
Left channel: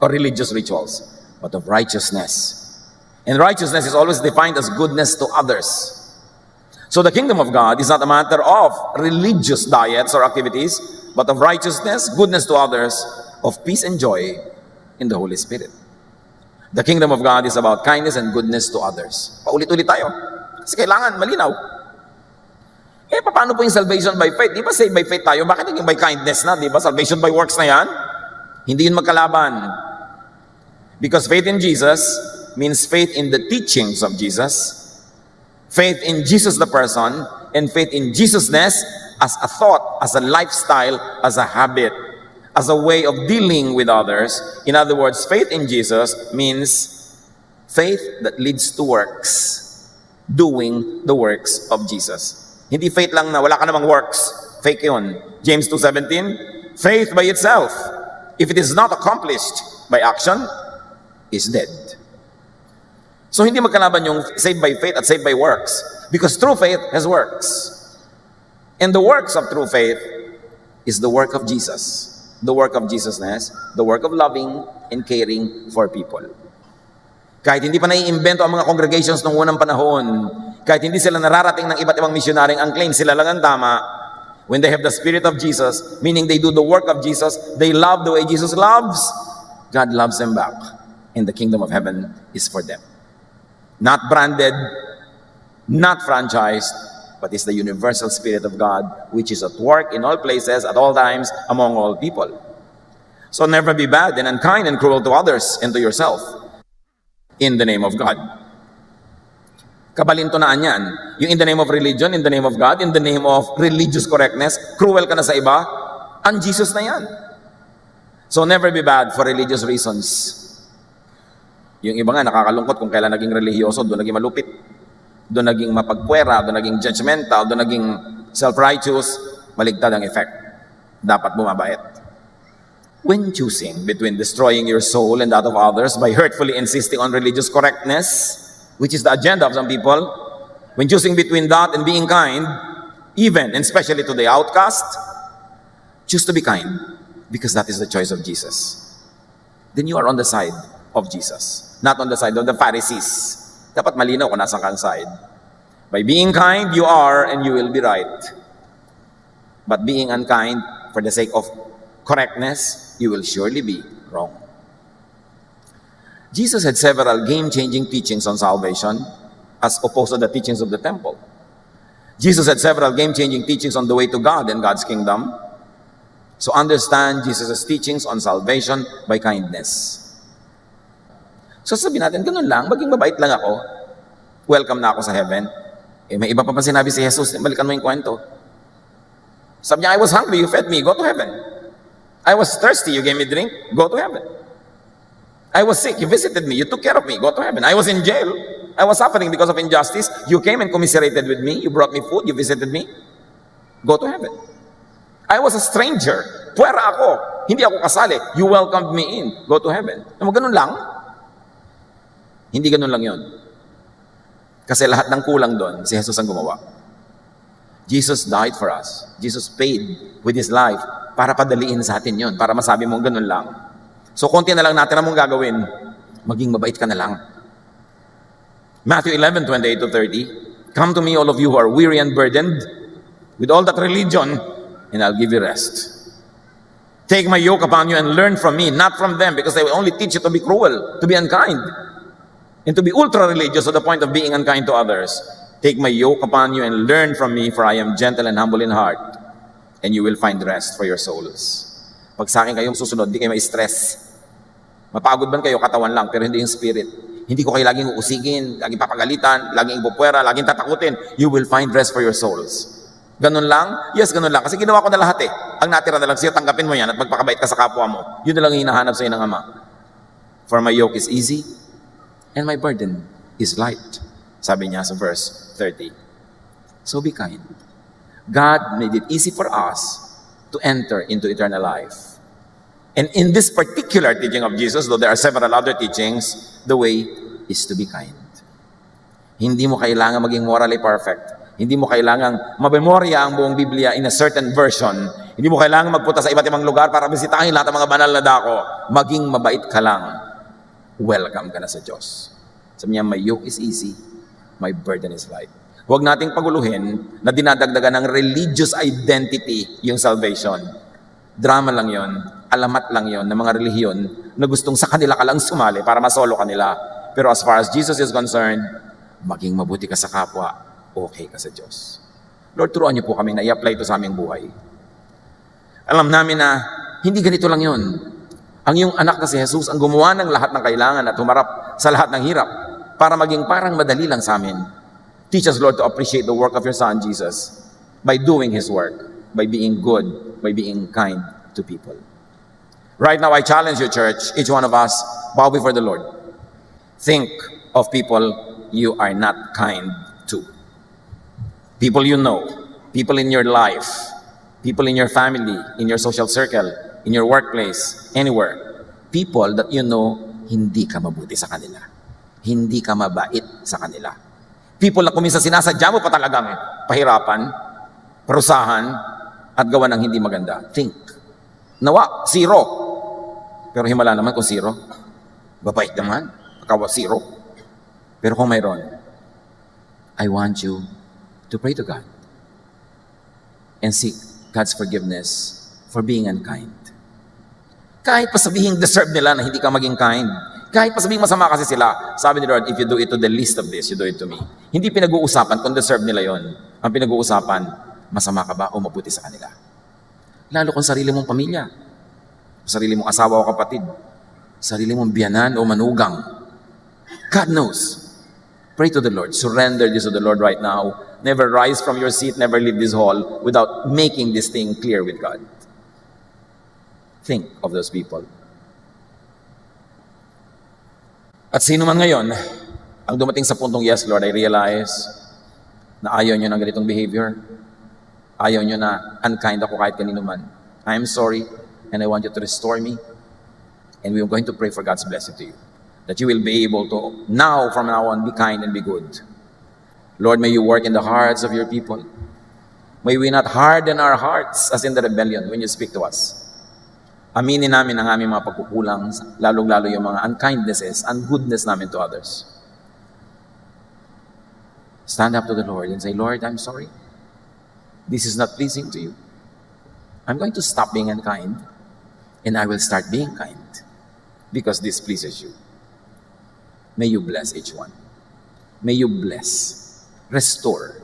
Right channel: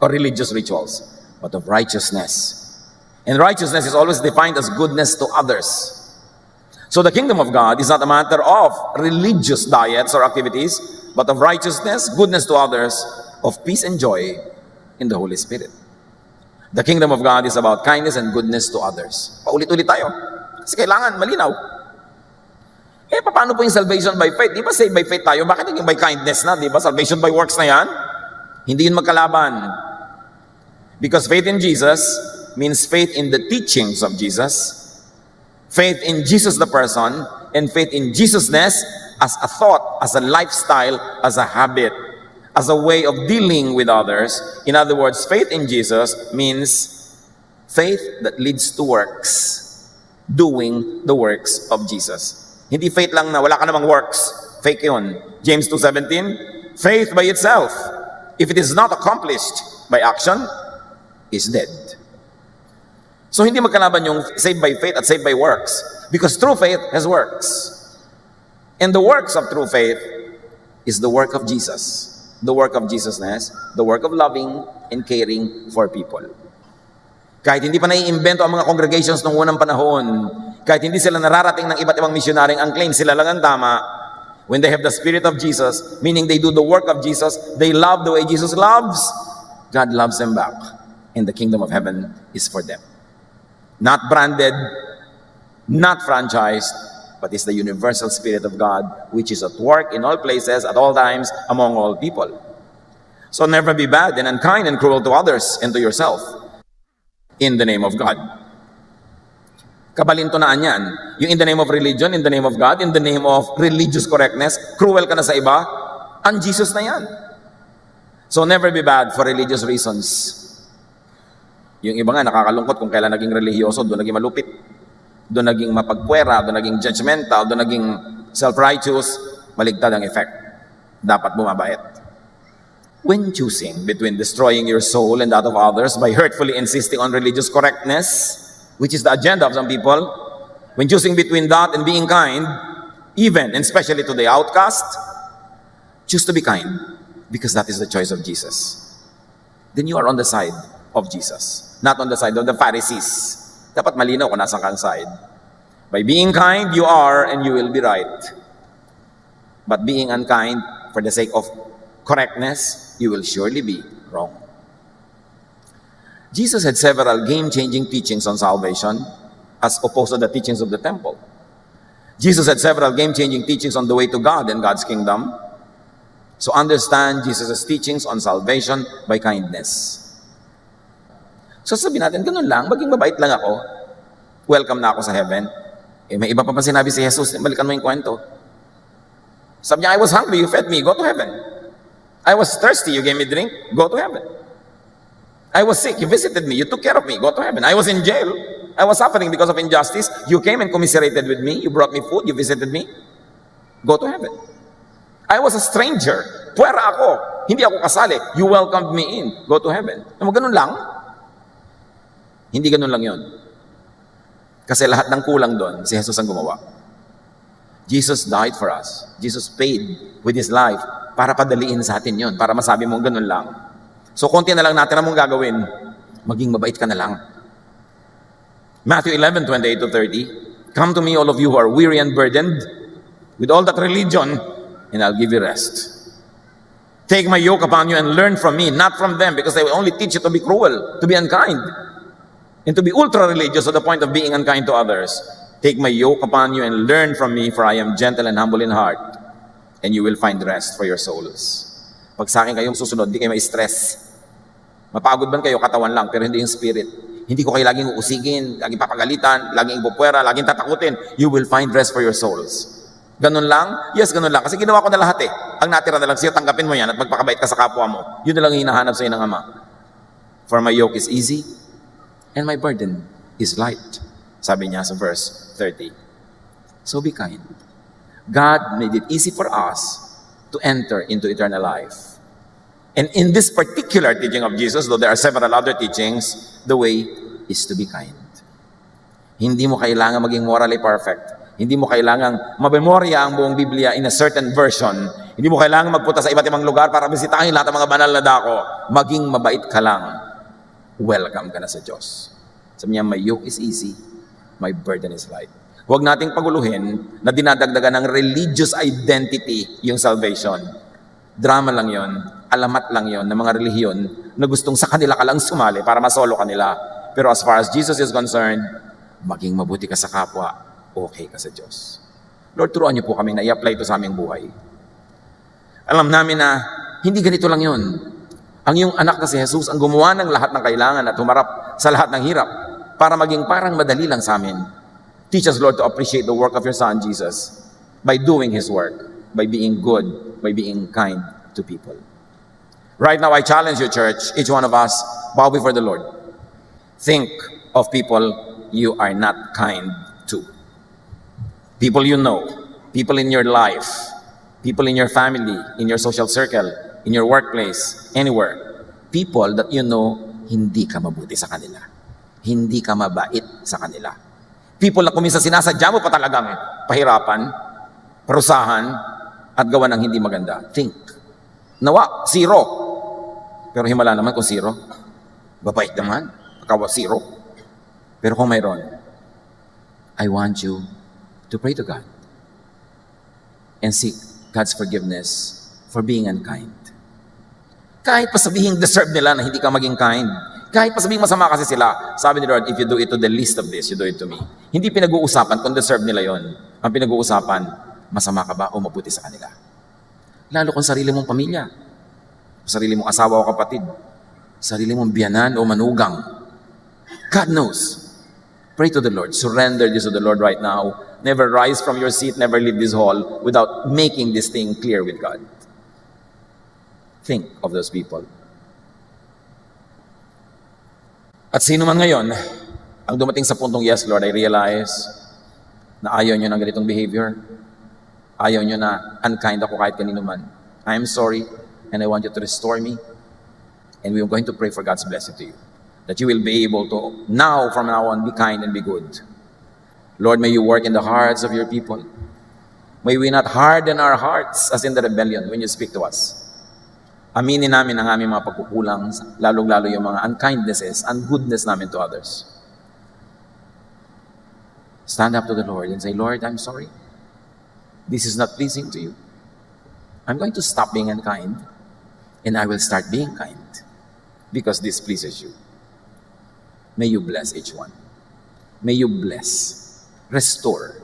or religious rituals, but of righteousness. And righteousness is always defined as goodness to others. So the kingdom of God is not a matter of religious diets or activities, but of righteousness, goodness to others, of peace and joy in the Holy Spirit. The kingdom of God is about kindness and goodness to others. Paulit-ulit tayo. Kasi kailangan malinaw. Paano po yung salvation by faith? Di ba saved by faith tayo? Bakit yung by kindness na? Di ba? Salvation by works na yan? Hindi yun magkalaban. Because faith in Jesus means faith in the teachings of Jesus, faith in Jesus the person, and faith in Jesusness as a thought, as a lifestyle, as a habit, as a way of dealing with others. In other words, faith in Jesus means faith that leads to works, doing the works of Jesus. Hindi faith lang na wala ka namang works. Fake yun. James 2:17, faith by itself, if it is not accomplished by action, is dead. So hindi magkalaban yung saved by faith at saved by works. Because true faith has works. In the works of true faith is the work of Jesus. The work of Jesusness, the work of loving and caring for people. Kahit hindi pa naiimbento ang mga congregations ng unang panahon, kahit hindi sila nararating ng iba't ibang missionary, ang claim sila lang ang tama. When they have the Spirit of Jesus, meaning they do the work of Jesus, they love the way Jesus loves, God loves them back. In the kingdom of heaven is for them. Not branded, not franchised, but it's the universal Spirit of God, which is at work in all places, at all times, among all people. So never be bad and unkind and cruel to others and to yourself. In the name of God. Kabalintunaan yan. Yung in the name of religion, in the name of God, in the name of religious correctness, cruel ka na sa iba, ang Jesus na yan. So never be bad for religious reasons. Yung iba nga nakakalungkot kung kailan naging religyoso, doon naging malupit, doon naging mapagpuwera, doon naging judgmental, doon naging self-righteous, maligtad ang effect. Dapat bumabait. When choosing between destroying your soul and that of others by hurtfully insisting on religious correctness, which is the agenda of some people, When choosing between that and being kind, even and especially to the outcast, choose to be kind because that is the choice of Jesus. Then you are on the side of Jesus, not on the side of the Pharisees. Dapat malinaw kung nasa kang side. By being kind, you are and you will be right. But being unkind for the sake of correctness, you will surely be wrong. Jesus had several game-changing teachings on salvation as opposed to the teachings of the temple. Jesus had several game-changing teachings on the way to God and God's kingdom. So understand Jesus' teachings on salvation by kindness. So sabihin natin, ganun lang, maging mabait lang ako, welcome na ako sa heaven. May iba pa sinabi si Jesus, balikan mo yung kwento. Sabi niya, I was hungry, you fed me, go to heaven. I was thirsty, you gave me drink, go to heaven. I was sick, you visited me, you took care of me, go to heaven. I was in jail, I was suffering because of injustice, you came and commiserated with me, you brought me food, you visited me, go to heaven. I was a stranger, puwera ako, hindi ako kasali, you welcomed me in, go to heaven. Ganun lang? Hindi ganun lang yon. Kasi lahat ng kulang doon, si Jesus ang gumawa. Jesus died for us. Jesus paid with His life para padaliin sa atin yon, para masabi mong ganun lang. So, konti na lang natin na mong gagawin. Maging mabait ka na lang. Matthew 11:28-30. Come to me, all of you who are weary and burdened, with all that religion, and I'll give you rest. Take my yoke upon you and learn from me, not from them, because they will only teach you to be cruel, to be unkind, and to be ultra-religious to the point of being unkind to others. Take my yoke upon you and learn from me, for I am gentle and humble in heart, and you will find rest for your souls. Pag sa akin kayong susunod, di kayo ma-stress. Mapagod man kayo, katawan lang, pero hindi yung spirit. Hindi ko kayo laging uusigin, laging papagalitan, laging ipupwera, laging tatakutin. You will find rest for your souls. Ganun lang? Yes, ganun lang. Kasi ginawa ko na lahat eh. Ang natira na lang siya, tanggapin mo yan at magpakabait ka sa kapwa mo. Yun na lang yung hinahanap sa ng Ama. For my yoke is easy and my burden is light. Sabi niya sa verse 30. So be kind. God made it easy for us to enter into eternal life. In this particular teaching of Jesus, though there are several other teachings, the way is to be kind. Hindi mo kailangan maging morally perfect. Hindi mo kailangan mabemorya ang buong Biblia in a certain version. Hindi mo kailangan magpunta sa iba't ibang lugar para bisitahin lahat ng mga banal na dako. Maging mabait ka lang. Welcome ka na sa Diyos. Sabi niya, my yoke is easy, my burden is light. Huwag nating paguluhin na dinadagdagan ng religious identity yung salvation. Drama lang yon, alamat lang yon ng mga relihiyon na gustong sa kanila ka lang sumali para masolo kanila. Pero as far as Jesus is concerned, maging mabuti ka sa kapwa, okay ka sa Diyos. Lord, turuan niyo po kami na i-apply ito sa aming buhay. Alam namin na hindi ganito lang yon. Ang iyong anak na si Jesus ang gumawa ng lahat ng kailangan at humarap sa lahat ng hirap para maging parang madali lang sa amin. Teach us, Lord, to appreciate the work of your Son, Jesus, by doing His work, by being good, by being kind to people. Right now, I challenge you, church, each one of us, bow before the Lord. Think of people you are not kind to. People you know, people in your life, people in your family, in your social circle, in your workplace, anywhere. People that you know, hindi ka mabuti sa kanila. Hindi ka mabait sa kanila. People na kumisa sinasadya mo pa talagang pahirapan, parusahan, at gawa ng hindi maganda. Think. Nawa, zero. Pero himala naman kung zero. Mabait naman. Kawa zero. Pero kung mayroon, I want you to pray to God and seek God's forgiveness for being unkind. Kahit pa sabihin deserve nila na hindi ka maging kind, kahit pa sabihin masama kasi sila, sabi ni Lord, if you do it to the least of this, you do it to me. Hindi pinag-uusapan kung deserve nila yon. Ang pinag-uusapan, masama ka ba o mabuti sa kanila. Lalo kung sarili mong pamilya, sarili mong asawa o kapatid, sarili mong biyanan o manugang. God knows. Pray to the Lord. Surrender this to the Lord right now. Never rise from your seat, never leave this hall without making this thing clear with God. Think of those people. At sino man ngayon, ang dumating sa puntong, yes, Lord, I realize na ayaw nyo ng ganitong behavior. Ayaw nyo na unkind ako kahit kanino man. I am sorry, and I want you to restore me. And we are going to pray for God's blessing to you. That you will be able to, now, from now on, be kind and be good. Lord, may you work in the hearts of your people. May we not harden our hearts as in the rebellion when you speak to us. Aminin namin ang aming mga pagkukulang, lalong-lalo yung mga unkindnesses, ungoodness namin to others. Stand up to the Lord and say, Lord, I'm sorry. This is not pleasing to you. I'm going to stop being unkind and I will start being kind because this pleases you. May you bless each one. May you bless, restore.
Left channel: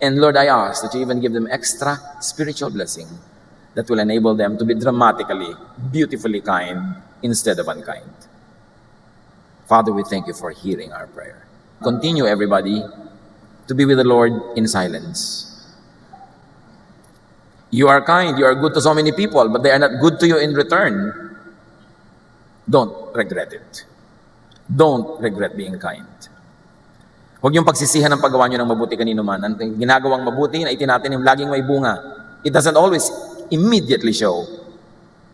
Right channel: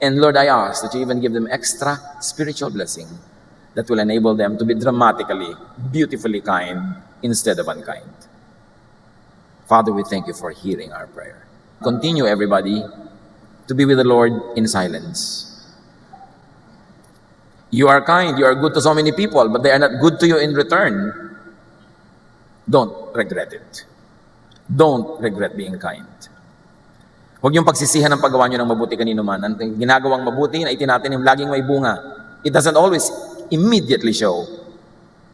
And Lord, I ask that you even give them extra spiritual blessing that will enable them to be dramatically, beautifully kind instead of unkind. Father, we thank you for hearing our prayer. Continue, everybody, to be with the Lord in silence. You are kind, you are good to so many people, but they are not good to you in return. Don't regret it. Don't regret being kind. Huwag yung pagsisihan ng paggawa nyo ng mabuti kanino man. Ang ginagawang mabuti na itinatin yung laging may bunga. It doesn't always immediately show.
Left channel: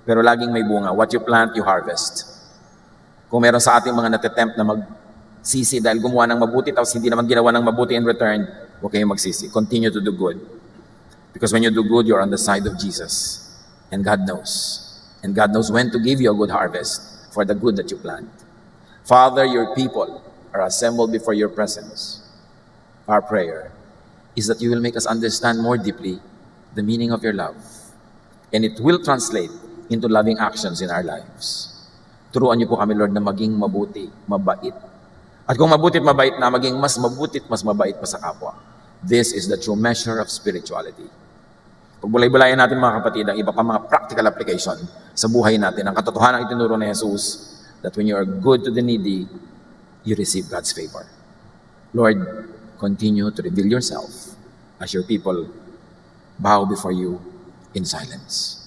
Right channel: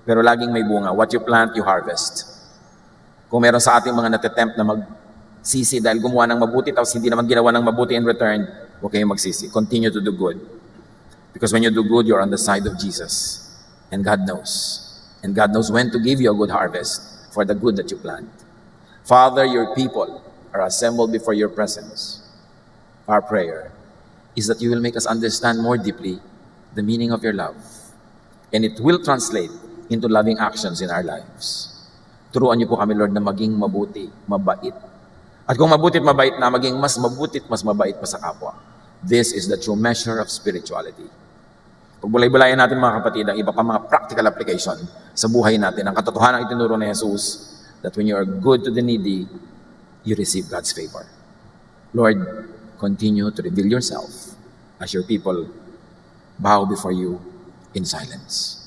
Pero laging may bunga. What you plant, you harvest. Kung meron sa ating mga natatempt na magsisi dahil gumawa ng mabuti tapos hindi naman ginawa ng mabuti in return, huwag kayong magsisi. Continue to do good. Because when you do good, you're on the side of Jesus. And God knows. And God knows when to give you a good harvest for the good that you plant. Father, your people are assembled before your presence. Our prayer is that you will make us understand more deeply the meaning of your love. And it will translate into loving actions in our lives. Turuan niyo po kami, Lord, na maging mabuti, mabait. At kung mabuti at mabait na, maging mas mabuti at mas mabait pa sa kapwa. This is the true measure of spirituality. Pagbulay-bulayan natin mga kapatid ang iba pa mga practical application sa buhay natin. Ang katotohanan ang itinuro ni Jesus that when you are good to the needy, you receive God's favor. Lord, continue to reveal yourself as your people bow before you in silence.